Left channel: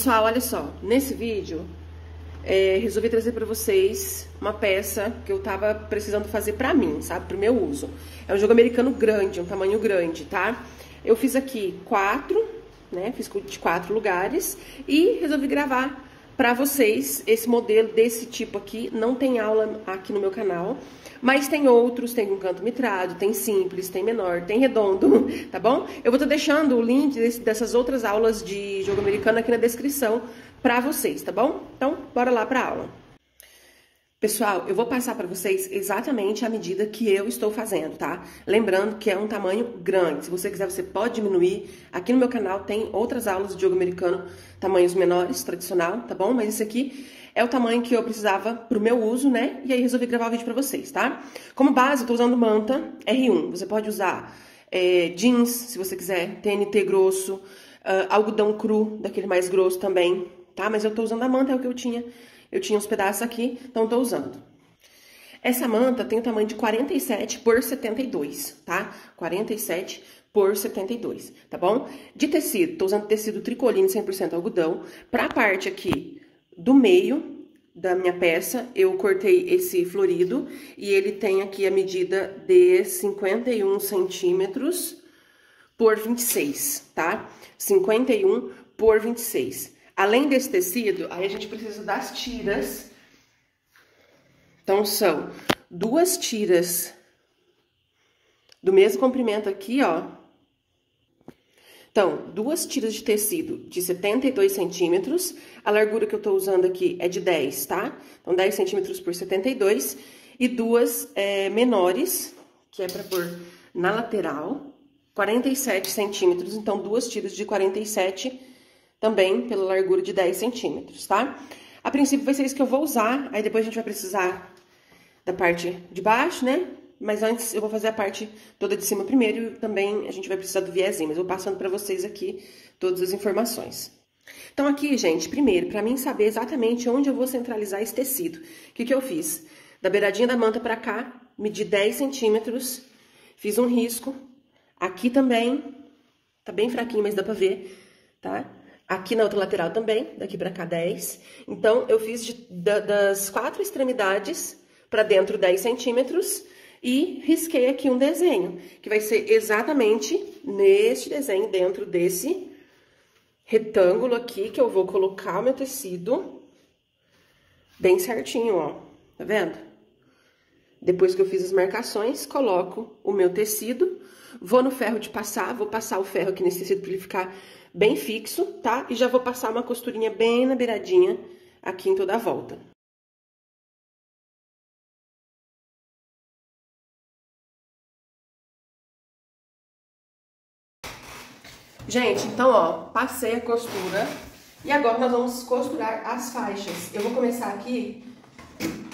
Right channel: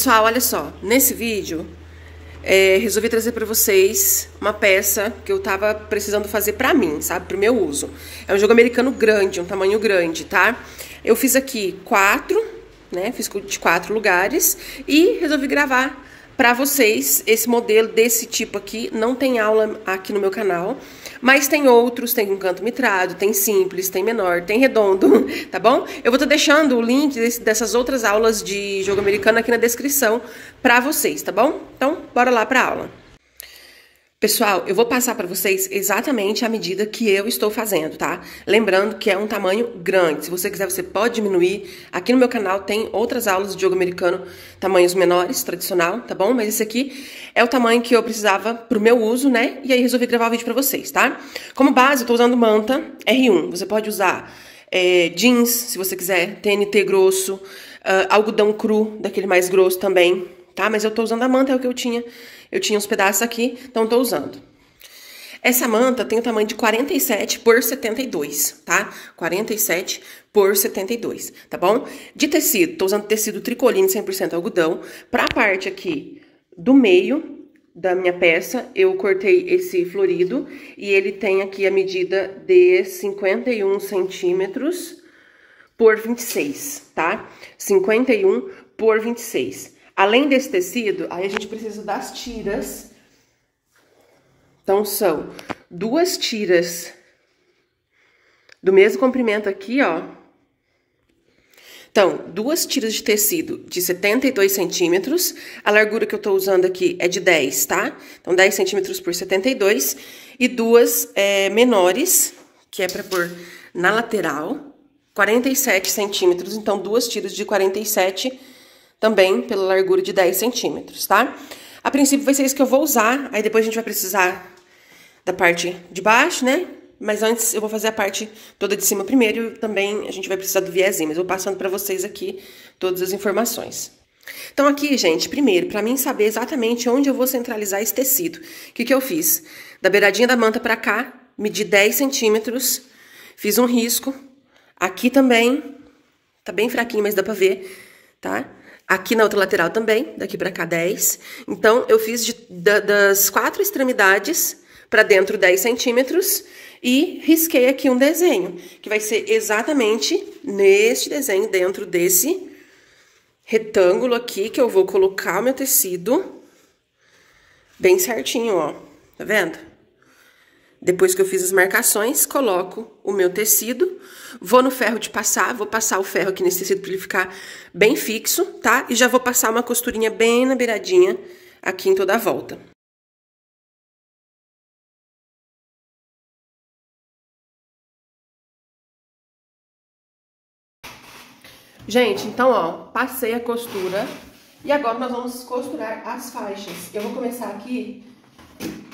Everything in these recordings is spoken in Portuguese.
Pessoal, olha só, nesse vídeo resolvi trazer pra vocês uma peça que eu tava precisando fazer pra mim, sabe, pro meu uso. É um jogo americano grande, um tamanho grande, tá? Eu fiz aqui 4, né, fiz de 4 lugares e resolvi gravar pra vocês esse modelo desse tipo aqui. Não tem aula aqui no meu canal, mas tem outros, tem um canto mitrado, tem simples, tem menor, tem redondo, tá bom? Eu vou estar deixando o link dessas outras aulas de jogo americano aqui na descrição pra vocês, tá bom? Então, bora lá pra aula. Pessoal, eu vou passar para vocês exatamente a medida que eu estou fazendo, tá? Lembrando que é um tamanho grande. Se você quiser, você pode diminuir. Aqui no meu canal tem outras aulas de jogo americano, tamanhos menores, tradicional, tá bom? Mas esse aqui é o tamanho que eu precisava pro meu uso, né? E aí resolvi gravar o vídeo para vocês, tá? Como base, eu tô usando manta R1. Você pode usar jeans, se você quiser, TNT grosso, algodão cru, daquele mais grosso também, tá? Mas eu tô usando a manta, é o que eu tinha. Eu tinha uns pedaços aqui, então tô usando. Essa manta tem o tamanho de 47 por 72, tá? 47 por 72, tá bom? De tecido, tô usando tecido tricoline 100% algodão. Pra parte aqui do meio da minha peça, eu cortei esse florido e ele tem aqui a medida de 51 centímetros por 26, tá? 51 por 26. Além desse tecido, aí a gente precisa das tiras. Então, são 2 tiras do mesmo comprimento aqui, ó. Então, 2 tiras de tecido de 72 centímetros. A largura que eu tô usando aqui é de 10, tá? Então, 10 centímetros por 72. E 2 menores, que é pra pôr na lateral, 47 centímetros. Então, 2 tiras de 47 também pela largura de 10 centímetros, tá? A princípio vai ser isso que eu vou usar, aí depois a gente vai precisar da parte de baixo, né? Mas antes eu vou fazer a parte toda de cima primeiro e também a gente vai precisar do viezinho, mas eu vou passando pra vocês aqui todas as informações. Então aqui, gente, primeiro, pra mim saber exatamente onde eu vou centralizar esse tecido, o que eu fiz? Da beiradinha da manta pra cá, medi 10 centímetros, fiz um risco, aqui também, tá bem fraquinho, mas dá pra ver, tá? Aqui na outra lateral também, daqui pra cá 10. Então, eu fiz das 4 extremidades pra dentro 10 centímetros e risquei aqui um desenho, que vai ser exatamente neste desenho, dentro desse retângulo aqui, que eu vou colocar o meu tecido bem certinho, ó. Tá vendo? Depois que eu fiz as marcações, coloco o meu tecido, vou no ferro de passar, vou passar o ferro aqui nesse tecido pra ele ficar bem fixo, tá? E já vou passar uma costurinha bem na beiradinha aqui em toda a volta. Gente, então, ó, passei a costura e agora nós vamos costurar as faixas. Eu vou começar aqui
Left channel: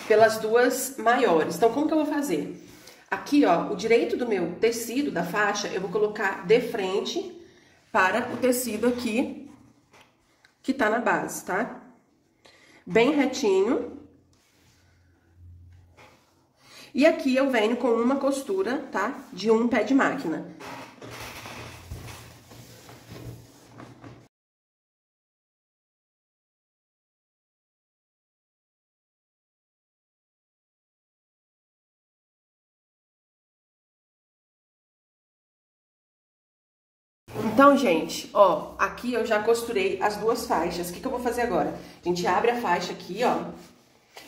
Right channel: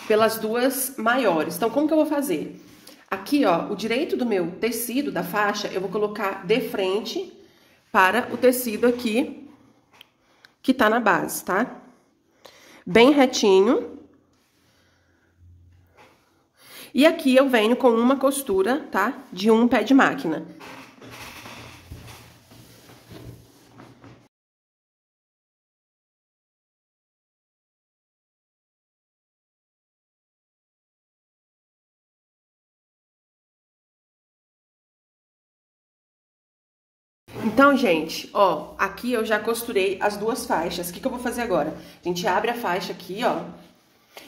pelas 2 maiores. Então, como que eu vou fazer? Aqui, ó, o direito do meu tecido, da faixa, eu vou colocar de frente para o tecido aqui, que tá na base, tá? Bem retinho. E aqui eu venho com uma costura, tá? De um pé de máquina. Então, gente, ó, aqui eu já costurei as 2 faixas. O que eu vou fazer agora? A gente abre a faixa aqui, ó.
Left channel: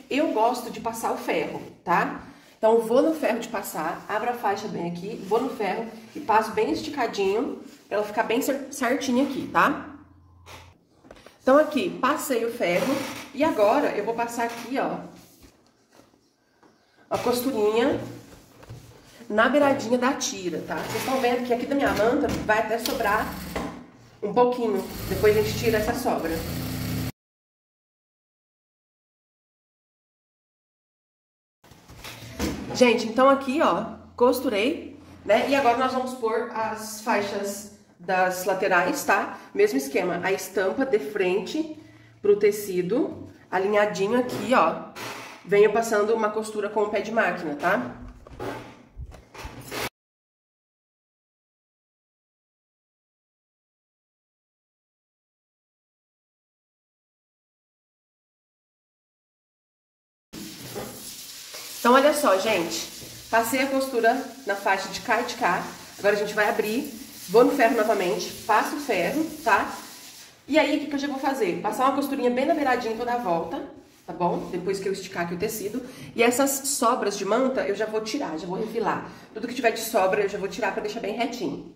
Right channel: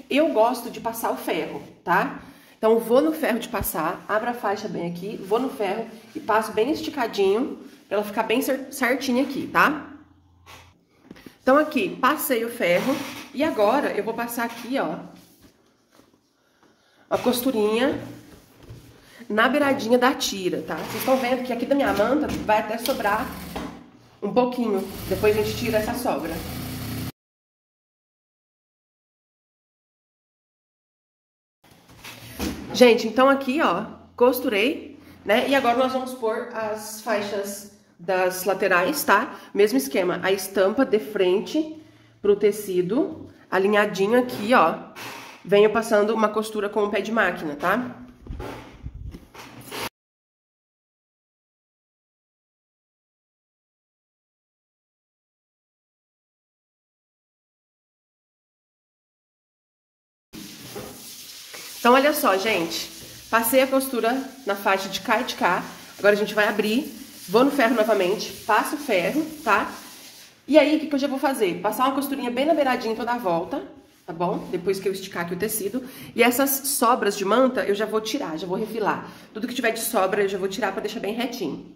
Eu gosto de passar o ferro, tá? Então, eu vou no ferro de passar, abro a faixa bem aqui, vou no ferro e passo bem esticadinho, pra ela ficar bem certinha aqui, tá? Então, aqui, passei o ferro e agora eu vou passar aqui, ó, a costurinha na beiradinha da tira, tá? Vocês estão vendo que aqui da minha manta vai até sobrar um pouquinho. Depois a gente tira essa sobra. Gente, então aqui, ó, costurei, né? E agora nós vamos pôr as faixas das laterais, tá? Mesmo esquema, a estampa de frente pro tecido, alinhadinho aqui, ó. Venho passando uma costura com o pé de máquina, tá? Então, olha só, gente. Passei a costura na faixa de cá e de cá. Agora a gente vai abrir. Vou no ferro novamente. Passo o ferro, tá? E aí, o que eu já vou fazer? Passar uma costurinha bem na beiradinha toda a volta, tá bom? Depois que eu esticar aqui o tecido. E essas sobras de manta eu já vou tirar, já vou refilar. Tudo que tiver de sobra eu já vou tirar pra deixar bem retinho.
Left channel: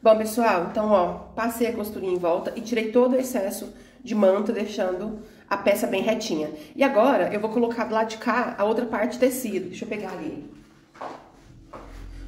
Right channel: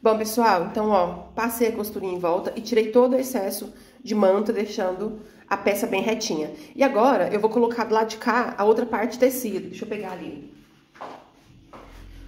Bom, pessoal, então, ó, passei a costurinha em volta e tirei todo o excesso de manta, deixando a peça bem retinha. E agora, eu vou colocar do lado de cá a outra parte de tecido. Deixa eu pegar ali.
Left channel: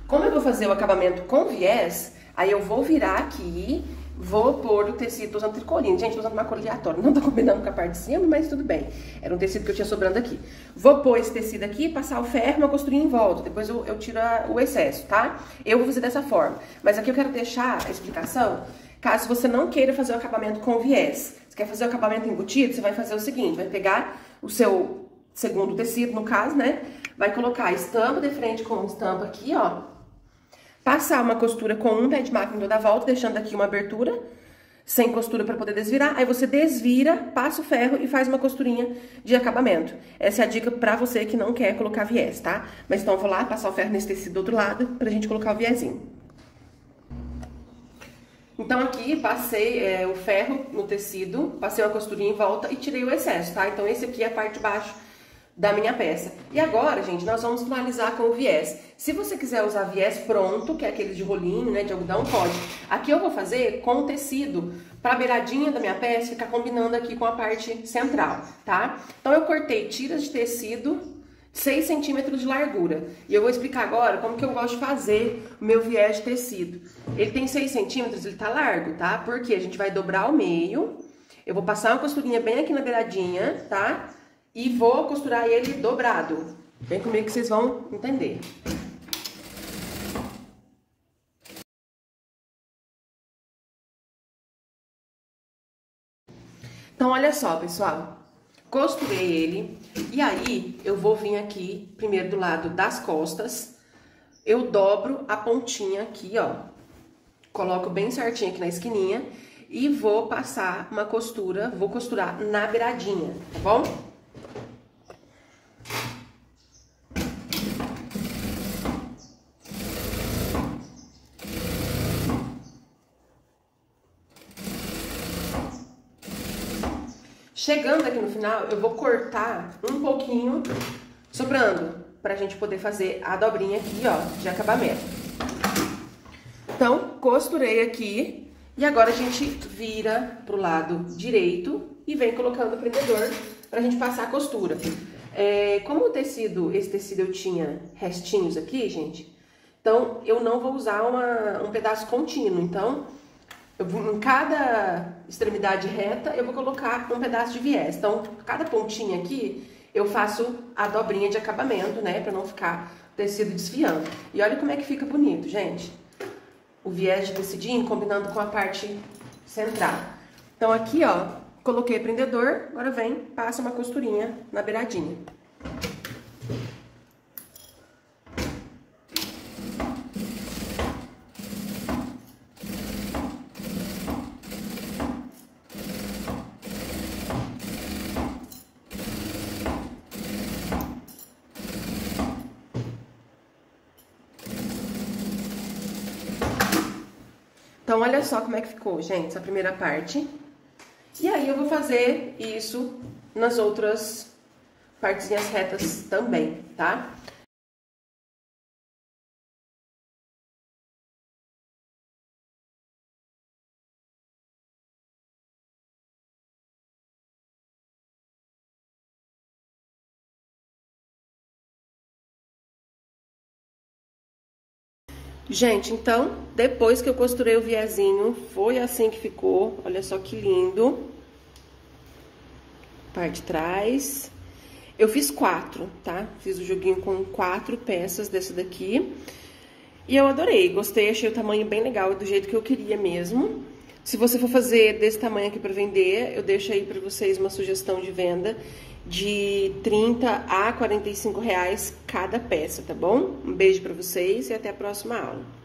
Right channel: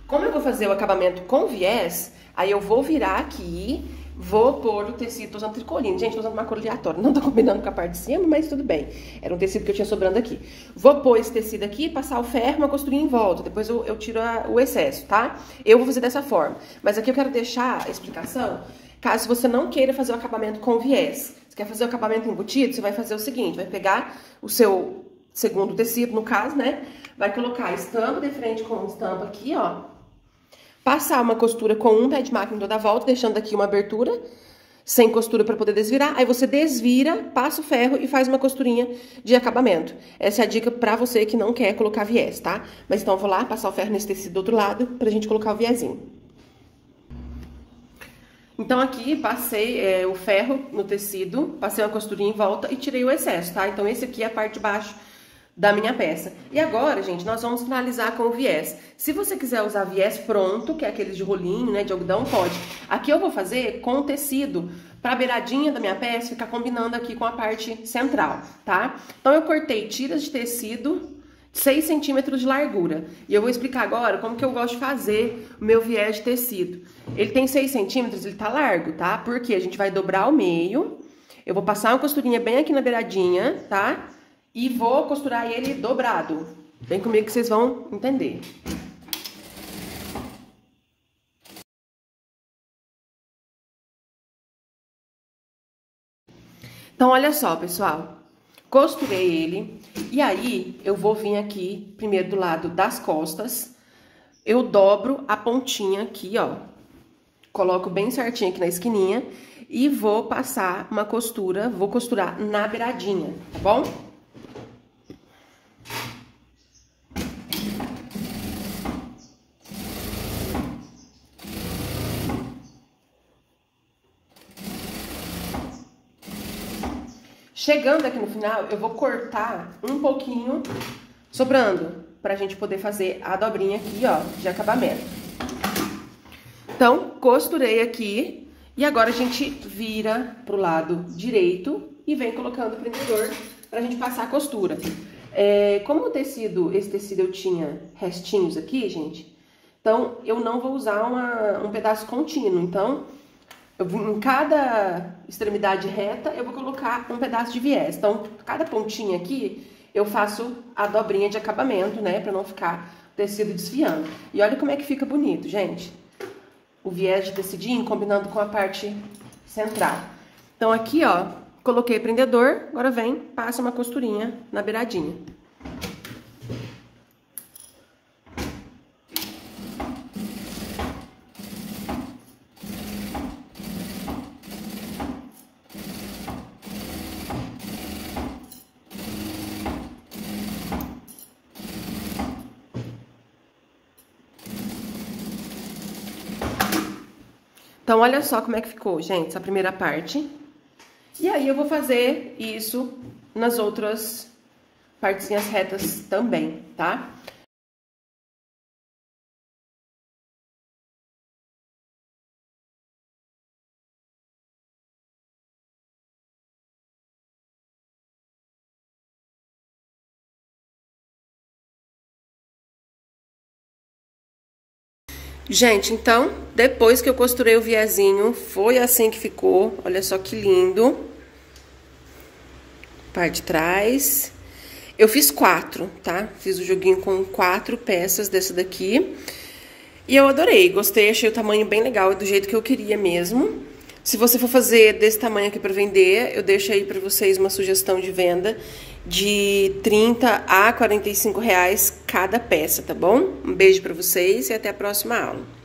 Como eu vou fazer o acabamento com viés, aí eu vou virar aqui, vou pôr o tecido usando tricoline. Gente, tô usando uma cor aleatória, não tô combinando com a parte de cima, mas tudo bem. Era um tecido que eu tinha sobrando aqui. Vou pôr esse tecido aqui, passar o ferro, uma costurinha em volta. Depois eu tiro o excesso, tá? Eu vou fazer dessa forma. Mas aqui eu quero deixar a explicação, caso você não queira fazer o acabamento com viés. Você quer fazer o acabamento embutido, você vai fazer o seguinte, vai pegar o seu segundo tecido, no caso, né? Vai colocar a estampa de frente com estampa aqui, ó. Passar uma costura com um pé de máquina toda a volta, deixando aqui uma abertura, sem costura para poder desvirar. Aí você desvira, passa o ferro e faz uma costurinha de acabamento. Essa é a dica pra você que não quer colocar viés, tá? Mas então eu vou lá passar o ferro nesse tecido do outro lado pra gente colocar o viésinho. Então aqui passei o ferro no tecido, passei uma costurinha em volta e tirei o excesso, tá? Então esse aqui é a parte de baixo da minha peça. E agora, gente, nós vamos finalizar com o viés. Se você quiser usar viés pronto, que é aqueles de rolinho, né, de algodão, pode. Aqui eu vou fazer com o tecido, pra beiradinha da minha peça ficar combinando aqui com a parte central, tá? Então eu cortei tiras de tecido 6 centímetros de largura. E eu vou explicar agora como que eu gosto de fazer o meu viés de tecido. Ele tem 6 centímetros, ele tá largo, tá? Porque a gente vai dobrar ao meio, eu vou passar uma costurinha bem aqui na beiradinha, tá? E vou costurar ele dobrado. Vem comigo que vocês vão entender. Então, olha só, pessoal. Costurei ele. E aí, eu vou vir aqui, primeiro do lado das costas. Eu dobro a pontinha aqui, ó. Coloco bem certinho aqui na esquininha. E vou passar uma costura, vou costurar na beiradinha, tá bom? Chegando aqui no final, eu vou cortar um pouquinho, sobrando, pra gente poder fazer a dobrinha aqui, ó, de acabamento. Então, costurei aqui, e agora a gente vira pro lado direito e vem colocando o prendedor pra gente passar a costura. Como o tecido, esse tecido eu tinha restinhos aqui, gente, então eu não vou usar um pedaço contínuo, então em cada extremidade reta, eu vou colocar um pedaço de viés. Então, cada pontinha aqui, eu faço a dobrinha de acabamento, né? Pra não ficar o tecido desfiando. E olha como é que fica bonito, gente. O viés de tecidinho combinando com a parte central. Então, aqui, ó, coloquei o prendedor. Agora vem, passa uma costurinha na beiradinha. Então, olha só como é que ficou, gente, essa primeira parte. E aí, eu vou fazer isso nas outras partezinhas retas também, tá? Gente, então, depois que eu costurei o viezinho, foi assim que ficou. Olha só que lindo. Parte de trás. Eu fiz 4, tá? Fiz o joguinho com 4 peças dessa daqui. E eu adorei, gostei, achei o tamanho bem legal, é do jeito que eu queria mesmo. Se você for fazer desse tamanho aqui pra vender, eu deixo aí pra vocês uma sugestão de venda de 30 a 45 reais cada peça, tá bom? Um beijo pra vocês e até a próxima aula.